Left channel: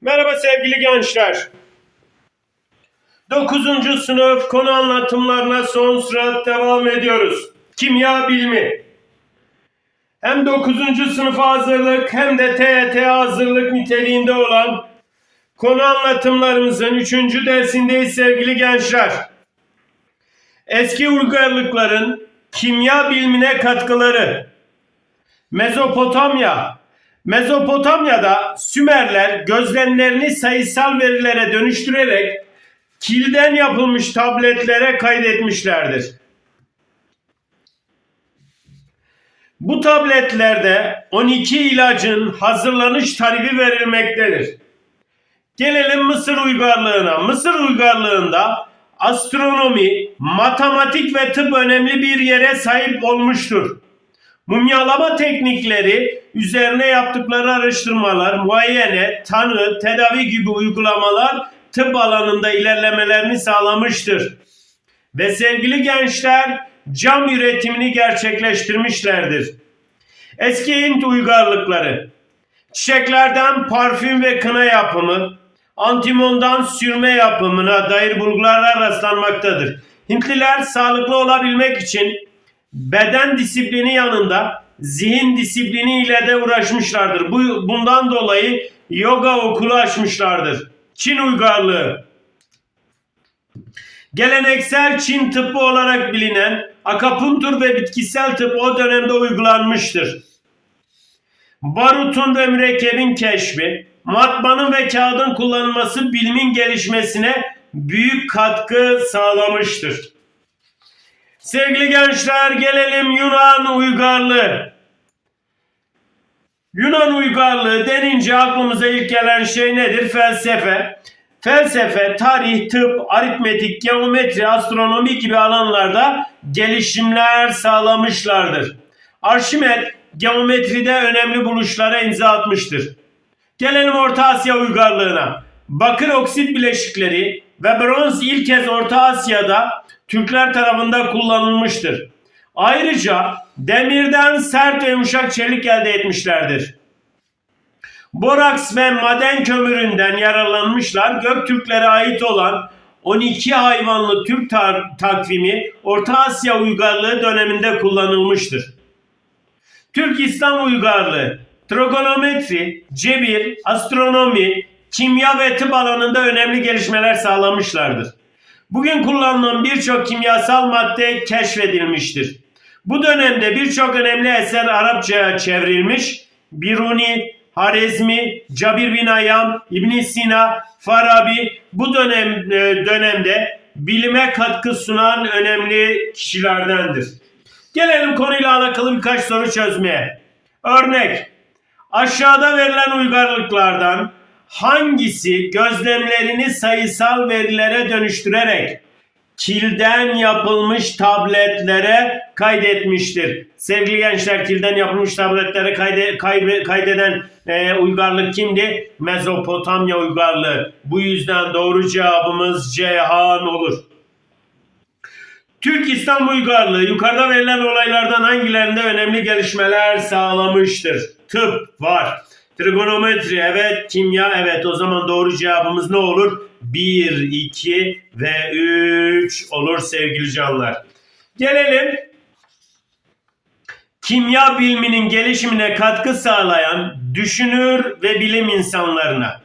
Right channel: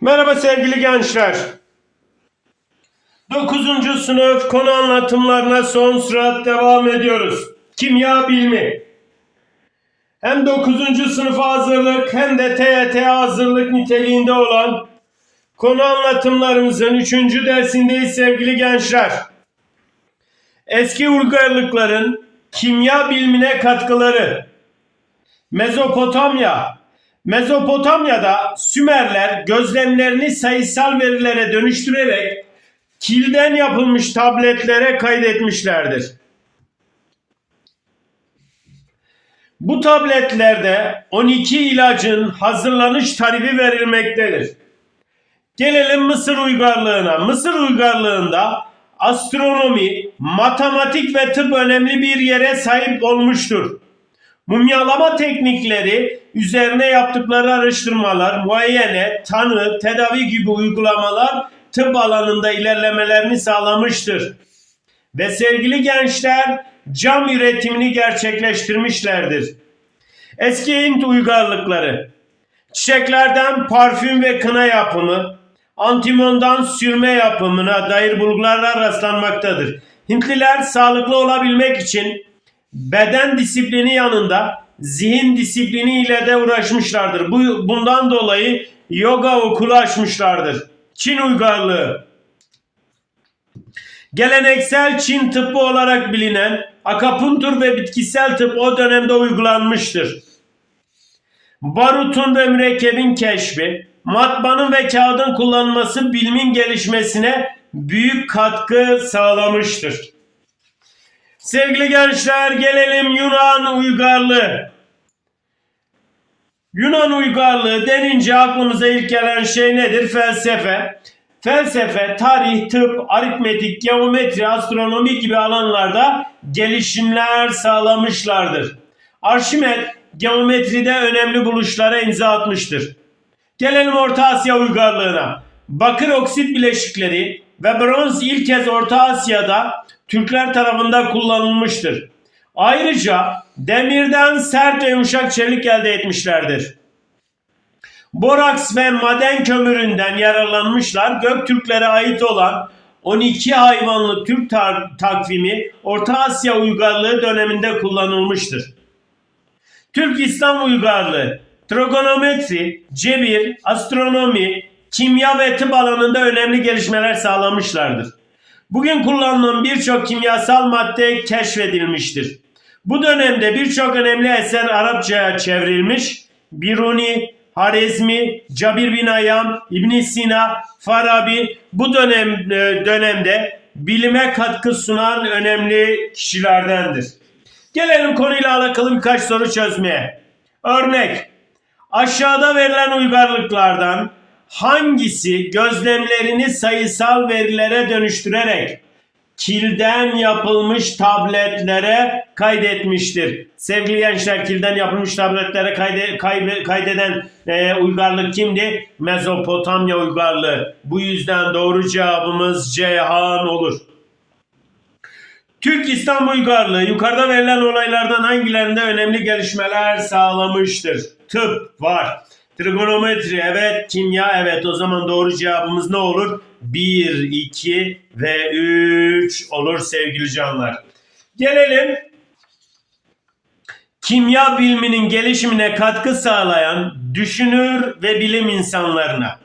Merhaba sevgili gençler. 9. sınıf konu anlatımlarına son sıra devam ediyoruz. Kimya bilimi. Hem 9. sınıfa hazırlık hem de TYT hazırlık niteliğinde olan konu anlatımlarımızın 3. dersindeyiz sevgili gençler. Eski uygarlıkların kimya bilimine katkıları. Mezopotamya. Mezopotamya'da Sümerler gözlemlerini sayısal verilere dönüştürerek kilden yapılmış tabletlere kaydetmişlerdir. Bu tabletlerde 12 ilacın hazırlanış tarifi verilmektedir. Gelelim Mısır uygarlığına. Mısır uygarlığında astronomi, matematik ve tıp önemli bir yere sahip olmuştur. Mumyalama teknikleri üzerine yaptıkları araştırmalar, muayene, tanı, tedavi gibi uygulamalar tıp alanında ilerlemelerini sağlamıştır. Ve sevgili gençler cam üretimini gerçekleştirmişlerdir. Eski Hint uygarlıkları çiçeklerden parfüm ve kına yapımı, antimondan sürme yapımına dair bulgulara rastlanmaktadır. Hintliler sağlıklı olabilmek için beden disiplini yanında zihin disiplini ile de uğraşmışlardır. Bu, bundan dolayı yoga okulu açmışlardır. Çin uygarlığı Geleneksel Çin tıbbı olarak bilinen akapuntur ve bitkisel tıp o dönemde uygulanmıştır. Barutun ve mürekkebin keşfi, matbaanın ve kağıdın kullanılması bilimin gelişmesine büyük katkı sağlamıştır. Sevgili gençler gelelim Yunan uygarlığı. Yunan uygarlığı denince aklımıza ilk gelen şey nedir? Felsefe. Felsefe, tarih, tıp, aritmetik, geometri, astronomi gibi alanlarda gelişimler sağlamışlardır. Arşimet geometride önemli buluşlara imza atmıştır. Gelelim Orta Asya uygarlığına. Bakır oksit bileşikleri ve bronz ilk kez Orta Asya'da Türkler tarafından kullanılmıştır. Ayrıca demirden sert ve yumuşak çelik elde etmişlerdir. Boraks ve maden kömüründen yararlanmışlar. Göktürklere ait olan 12 hayvanlı Türk takvimi Orta Asya uygarlığı döneminde kullanılmıştır. Türk İslam uygarlığı, trigonometri, cebir, astronomi, kimya ve tıp alanında önemli gelişmeler sağlamışlardır. Bugün kullanılan birçok kimyasal madde keşfedilmiştir. Bu dönemde birçok önemli eser Arapçaya çevrilmiş. Biruni, Harezmi, Cabir bin Ayyam, İbn Sina, Farabi bu dönem e, dönemde bilime katkı sunan önemli kişilerdendir. Gelelim konuyla alakalı birkaç soru çözmeye. Örnek. Aşağıda verilen uygarlıklardan hangisi gözlemlerini sayısal verilere dönüştürerek kilden yapılmış tabletlere kaydetmiştir. Sevgili gençler kilden yapılmış tabletlere kayde, kaybe- kaydeden e, uygarlık kimdi? Mezopotamya uygarlığı. Bu yüzden doğru cevabımız Ceyhan olur. Türk İslam uygarlığı yukarıda verilen olaylardan hangilerinde önemli gelişmeler sağlamıştır? Tıp var. Trigonometri evet, kimya evet. O zaman doğru cevabımız ne olur? 1, 2 ve 3 olur sevgili canlar. Gelelim kimya biliminin gelişimine katkı sağlayan düşünür ve bilim insanlarına.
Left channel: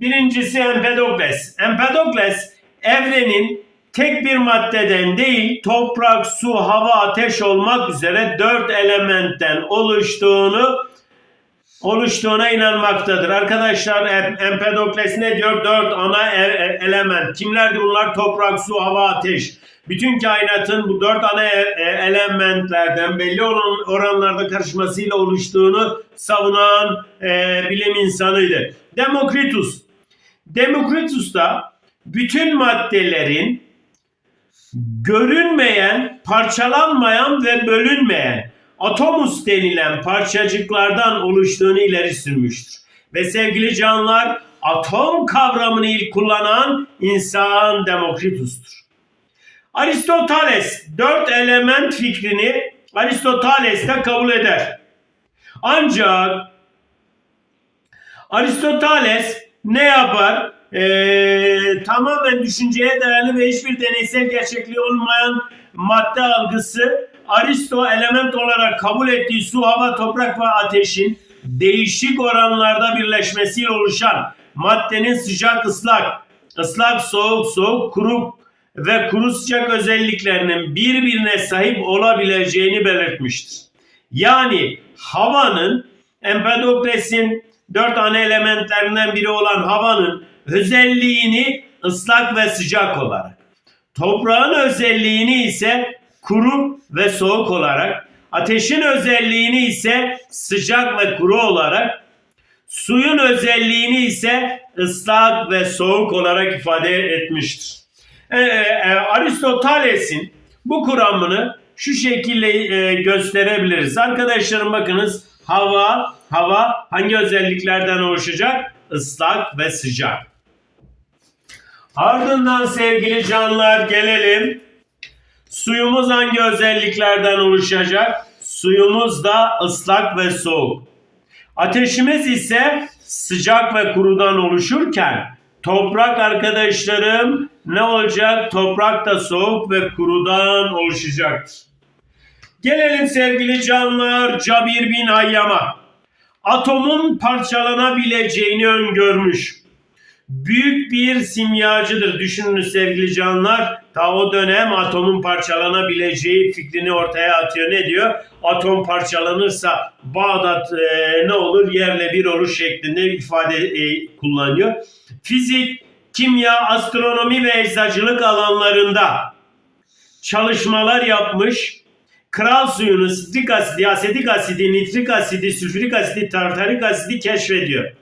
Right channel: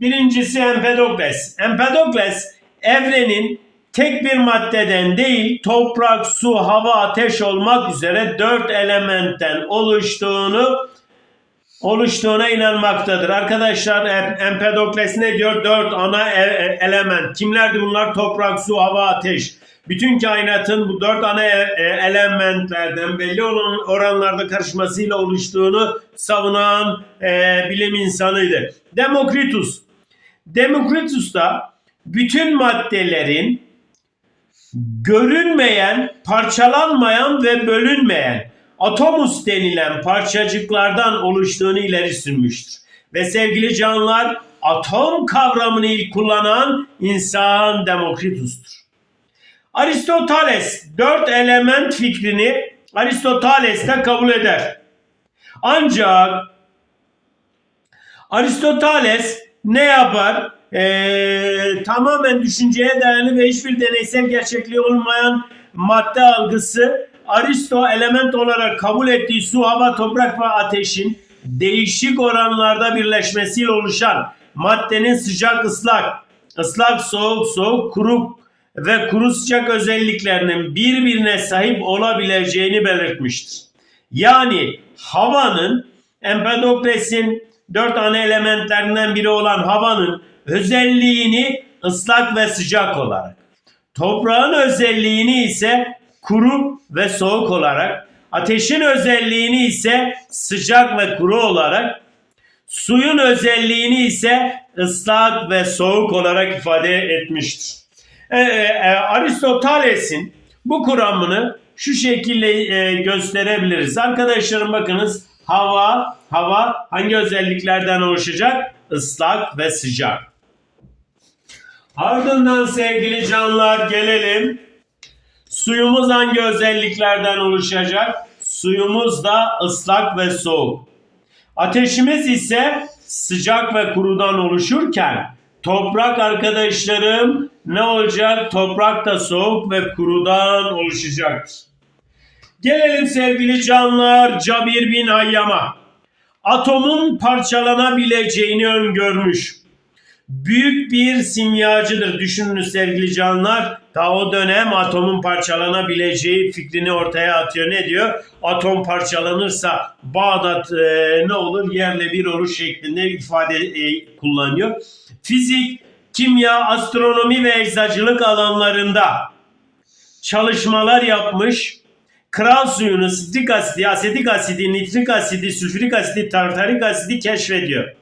Birincisi Empedokles. Empedokles evrenin tek bir maddeden değil toprak, su, hava, ateş olmak üzere dört elementten oluştuğunu oluştuğuna inanmaktadır. Arkadaşlar Em- Empedokles ne diyor? Dört ana e- e- element. Kimlerdi bunlar? Toprak, su, hava, ateş. Bütün kainatın bu dört ana e- elementlerden belli olan oranlarda karışmasıyla oluştuğunu savunan bilim insanıydı. Demokritus. Demokritus da bütün maddelerin görünmeyen, parçalanmayan ve bölünmeyen atomus denilen parçacıklardan oluştuğunu ileri sürmüştür. Ve sevgili canlar atom kavramını ilk kullanan insan Demokritus'tur. Aristoteles dört element fikrini Aristoteles de kabul eder. Ancak Aristoteles ne yapar? Ee, tamamen düşünceye dayalı ve hiçbir deneysel gerçekliği olmayan madde algısı Aristo element olarak kabul ettiği su, hava, toprak ve ateşin değişik oranlarda birleşmesiyle oluşan maddenin sıcak ıslak, ıslak soğuk soğuk, kuru ve kuru sıcak özelliklerinin birbirine sahip olabileceğini belirtmiştir. Yani havanın Empedokles'in dört ana elementlerinden biri olan havanın özelliğini ıslak ve sıcak olarak, toprağın özelliğini ise kuru ve soğuk olarak, ateşin özelliğini ise sıcak ve kuru olarak, suyun özelliğini ise ıslak ve soğuk olarak ifade etmiştir. Ee, e, Aristoteles'in bu kuramını şu şekilde e, gösterebiliriz. Arkadaşlarım bakınız hava, hava hangi özelliklerden oluşacak? Islak ve sıcak. Ardından sevgili canlar gelelim. Suyumuz hangi özelliklerden oluşacak? Suyumuz da ıslak ve soğuk. Ateşimiz ise sıcak ve kurudan oluşurken toprak arkadaşlarım ne olacak? Toprak da soğuk ve kurudan oluşacaktır. Gelelim sevgili canlar Cabir bin Hayyam'a. Atomun parçalanabileceğini öngörmüş. Büyük bir simyacıdır. Düşününüz sevgili canlar. Ta o dönem atomun parçalanabileceği fikrini ortaya atıyor. Ne diyor? Atom parçalanırsa Bağdat e, ne olur? Yerle bir olur şeklinde ifade e, kullanıyor. Fizik, kimya, astronomi ve eczacılık alanlarında çalışmalar yapmış. Kral suyunu, sitrik asidi, asetik asidi, nitrik asidi, sülfürik asidi, tartarik asidi keşfediyor.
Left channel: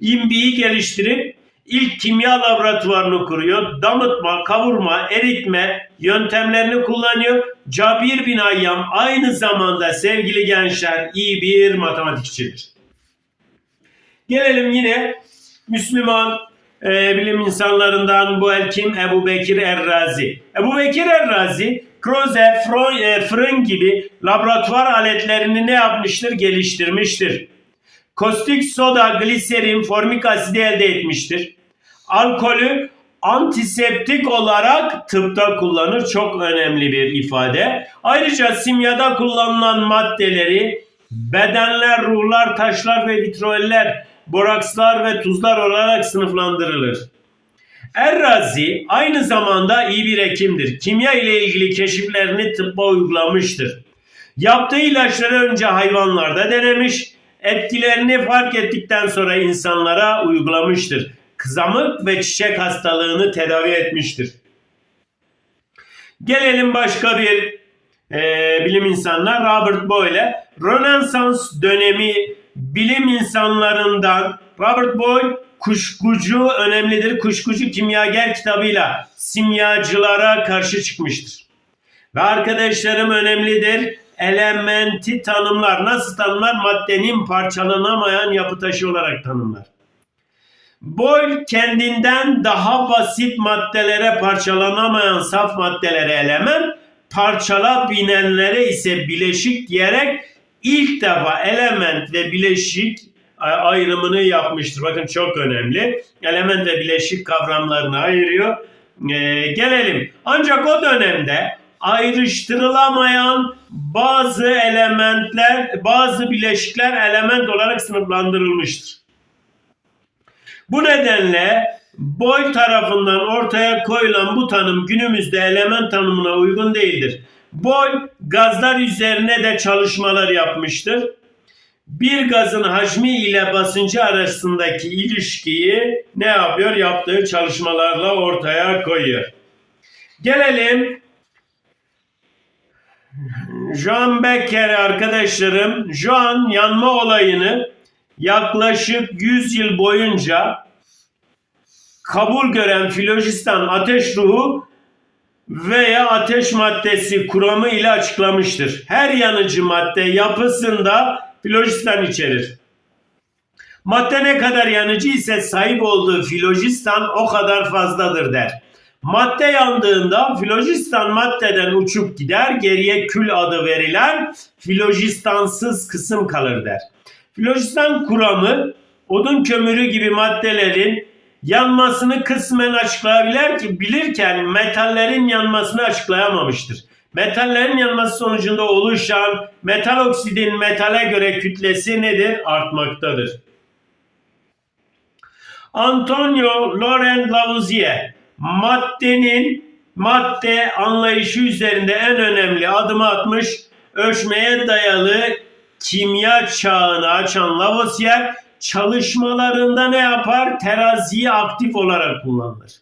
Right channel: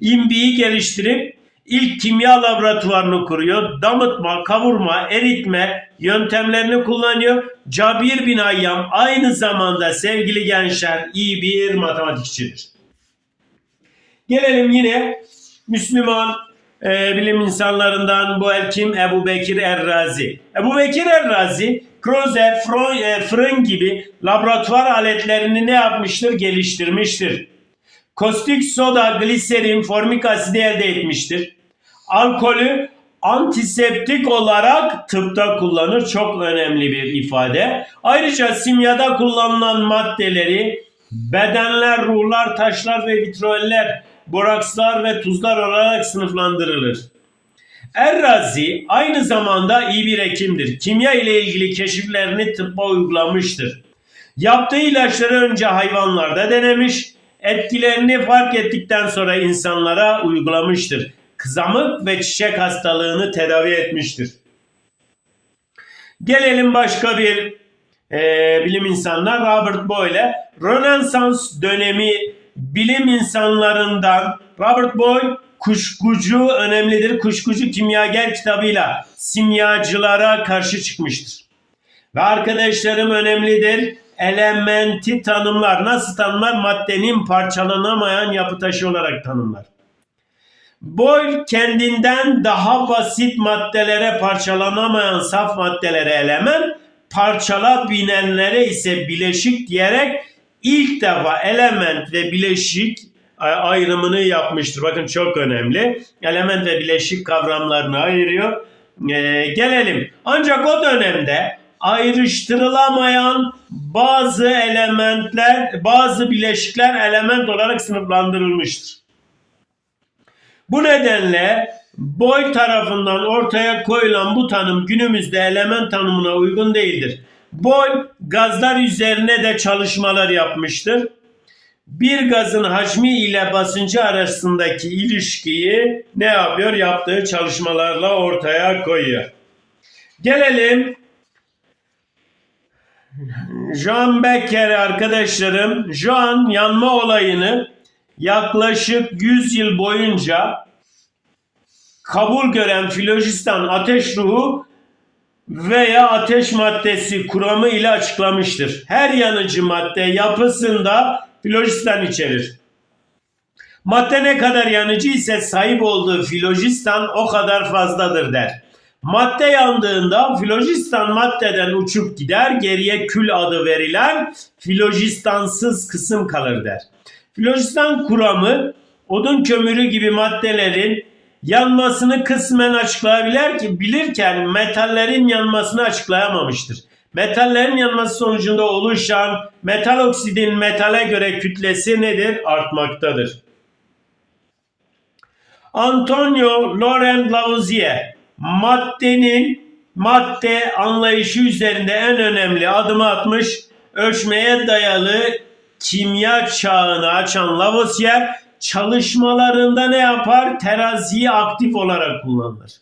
İmbiyi geliştirip ilk kimya laboratuvarını kuruyor. Damıtma, kavurma, eritme yöntemlerini kullanıyor. Cabir bin Ayyam aynı zamanda sevgili gençler iyi bir matematikçidir. Gelelim yine Müslüman e, bilim insanlarından bu el kim? Ebu Bekir Errazi. Ebu Bekir Errazi, Kroze, Fro- e, fırın gibi laboratuvar aletlerini ne yapmıştır? Geliştirmiştir. Kostik soda, gliserin, formik asidi elde etmiştir. Alkolü antiseptik olarak tıpta kullanır. Çok önemli bir ifade. Ayrıca simyada kullanılan maddeleri bedenler, ruhlar, taşlar ve vitroller, borakslar ve tuzlar olarak sınıflandırılır. Errazi aynı zamanda iyi bir hekimdir. Kimya ile ilgili keşiflerini tıbba uygulamıştır. Yaptığı ilaçları önce hayvanlarda denemiş, etkilerini fark ettikten sonra insanlara uygulamıştır. Kızamık ve çiçek hastalığını tedavi etmiştir. Gelelim başka bir e, bilim insanlar Robert Boyle. Rönesans dönemi bilim insanlarından Robert Boyle kuşkucu önemlidir. Kuşkucu kimyager kitabıyla simyacılara karşı çıkmıştır. Ve arkadaşlarım önemlidir. Elementi tanımlar. Nasıl tanımlar? Maddenin parçalanamayan yapı taşı olarak tanımlar. Boyle kendinden daha basit maddelere parçalanamayan saf maddelere element, parçala binenlere ise bileşik diyerek ilk defa element ve bileşik ayrımını yapmıştır. Bakın çok önemli. Element ve bileşik kavramlarını ayırıyor. Ee, gelelim. Ancak o dönemde ayrıştırılamayan bazı elementler, bazı bileşikler element olarak sınıflandırılmıştır. Bu nedenle Boyle tarafından ortaya koyulan bu tanım günümüzde element tanımına uygun değildir. Boyle gazlar üzerine de çalışmalar yapmıştır. Bir gazın hacmi ile basıncı arasındaki ilişkiyi ne yapıyor? Yaptığı çalışmalarla ortaya koyuyor. Gelelim Jean Becker arkadaşlarım. Jean yanma olayını yaklaşık 100 yıl boyunca kabul gören filojistan ateş ruhu veya ateş maddesi kuramı ile açıklamıştır. Her yanıcı madde yapısında filojistan içerir. Madde ne kadar yanıcı ise sahip olduğu filojistan o kadar fazladır der. Madde yandığında filojistan maddeden uçup gider, geriye kül adı verilen filojistansız kısım kalır der. Filojistan kuramı odun kömürü gibi maddelerin yanmasını kısmen açıklayabilir ki bilirken metallerin yanmasını açıklayamamıştır. Metallerin yanması sonucunda oluşan metal oksidin metale göre kütlesi nedir? Artmaktadır. Antonio Laurent Lavoisier maddenin madde anlayışı üzerinde en önemli adımı atmış ölçmeye dayalı kimya çağını açan Lavoisier çalışmalarında ne yapar? Teraziyi aktif olarak kullanır.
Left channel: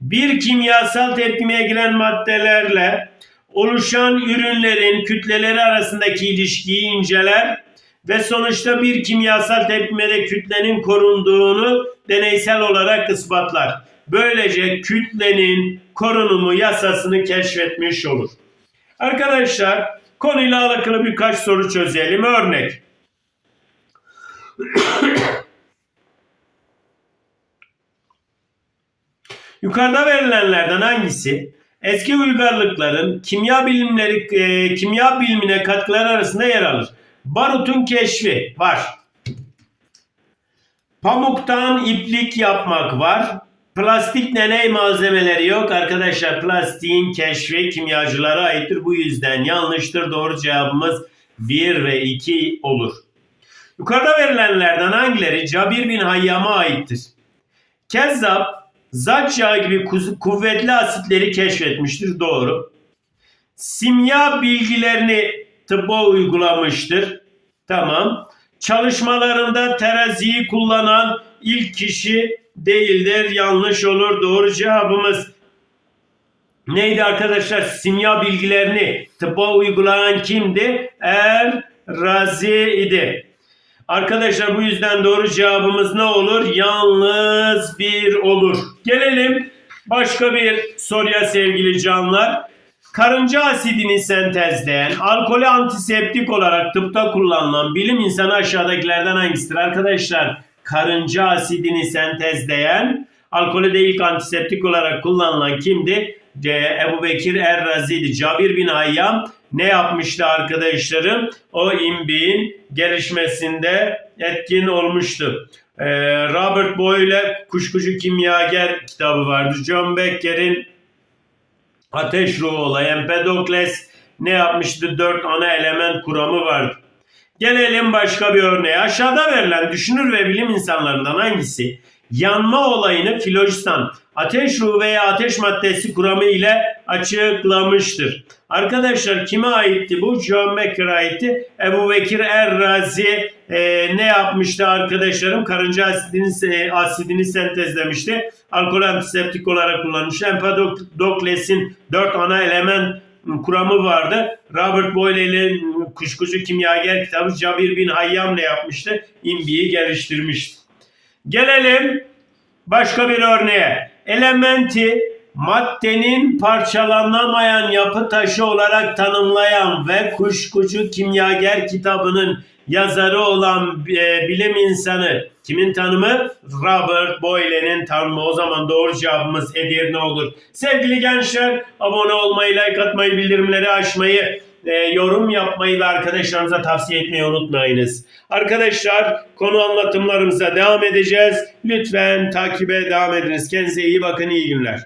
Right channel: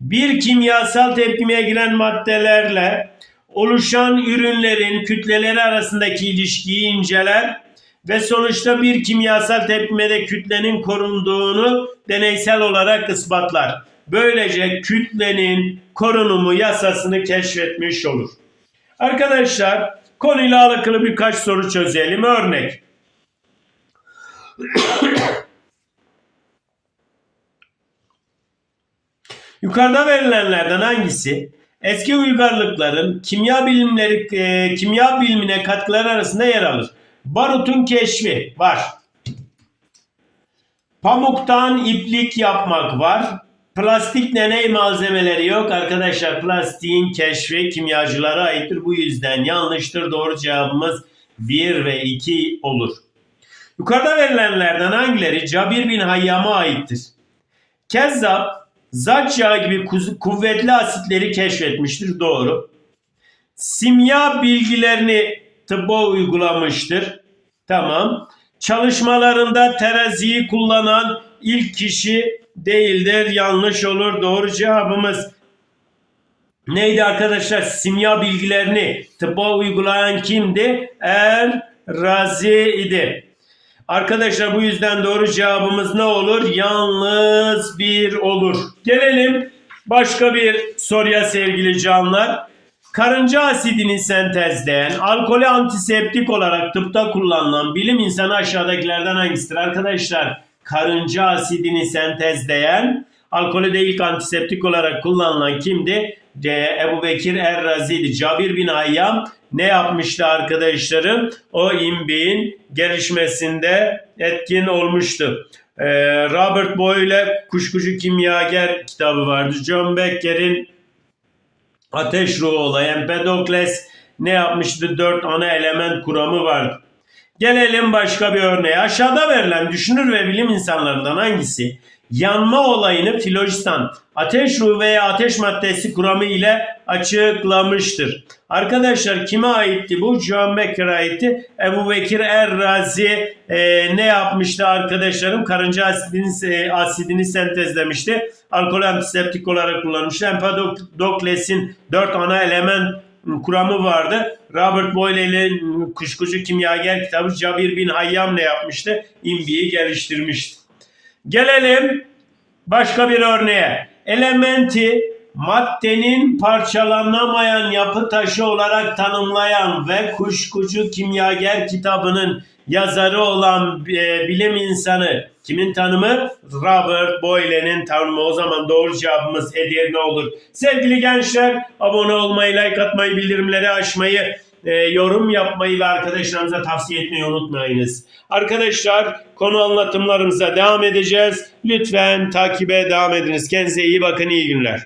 Bir kimyasal tepkimeye giren maddelerle oluşan ürünlerin kütleleri arasındaki ilişkiyi inceler ve sonuçta bir kimyasal tepkimede kütlenin korunduğunu deneysel olarak ispatlar. Böylece kütlenin korunumu yasasını keşfetmiş olur. Arkadaşlar konuyla alakalı birkaç soru çözelim. Örnek. Yukarıda verilenlerden hangisi eski uygarlıkların kimya bilimleri e, kimya bilimine katkıları arasında yer alır? Barutun keşfi var. Pamuktan iplik yapmak var. Plastik deney malzemeleri yok. Arkadaşlar plastiğin keşfi kimyacılara aittir. Bu yüzden yanlıştır. Doğru cevabımız 1 ve 2 olur. Yukarıda verilenlerden hangileri Cabir bin Hayyam'a aittir? Kezzap, zat gibi kuvvetli asitleri keşfetmiştir. Doğru. Simya bilgilerini tıbba uygulamıştır. Tamam. Çalışmalarında teraziyi kullanan ilk kişi değildir. Yanlış olur. Doğru cevabımız neydi arkadaşlar? Simya bilgilerini tıbba uygulayan kimdi? Er Razi idi. Arkadaşlar bu yüzden doğru cevabımız ne olur? Yalnız bir olur. Gelelim başka bir soruya sevgili canlar. Karınca asidini sentezleyen, alkolü antiseptik olarak tıpta kullanılan bilim insanı aşağıdakilerden hangisidir? Arkadaşlar karınca asidini sentezleyen, alkolü de ilk antiseptik olarak kullanılan kimdi? Ce- Ebu Bekir Er-Razi'ydi. Cabir bin Hayyam ne yapmıştı arkadaşlarım? O imbin gelişmesinde etkin olmuştu. Ee, Robert Boyle Kuşkucu Kimyager kitabı vardı. John Becker'in Ateş ruhu olayı Empedokles ne yapmıştı? Dört ana element kuramı vardı. Gelelim başka bir örneğe. Aşağıda verilen düşünür ve bilim insanlarından hangisi yanma olayını filojistan ateş ruhu veya ateş maddesi kuramı ile açıklamıştır. Arkadaşlar kime aitti bu? John Becker'a aitti. Ebu Bekir Er-Razi e, ne yapmıştı arkadaşlarım? Karınca asidini, e, asidini sentezlemişti. Alkol antiseptik olarak kullanmıştı. Empedokles'in dört ana element kuramı vardı. Robert Boyle'nin Kuşkucu Kimyager kitabı Cabir bin Hayyam ne yapmıştı? İmbiyi geliştirmişti. Gelelim başka bir örneğe. Elementi maddenin parçalanamayan yapı taşı olarak tanımlayan ve Kuşkucu Kimyager kitabının yazarı olan e, bilim insanı kimin tanımı? Robert Boyle'nin tanımı. O zaman doğru cevabımız Edirne olur. Sevgili gençler abone olmayı, like atmayı, bildirimleri açmayı, e, yorum yapmayı ve arkadaşlarınıza tavsiye etmeyi unutmayınız. Arkadaşlar konu anlatımlarımıza devam edeceğiz. Lütfen takibe devam ediniz. Kendinize iyi bakın, iyi günler.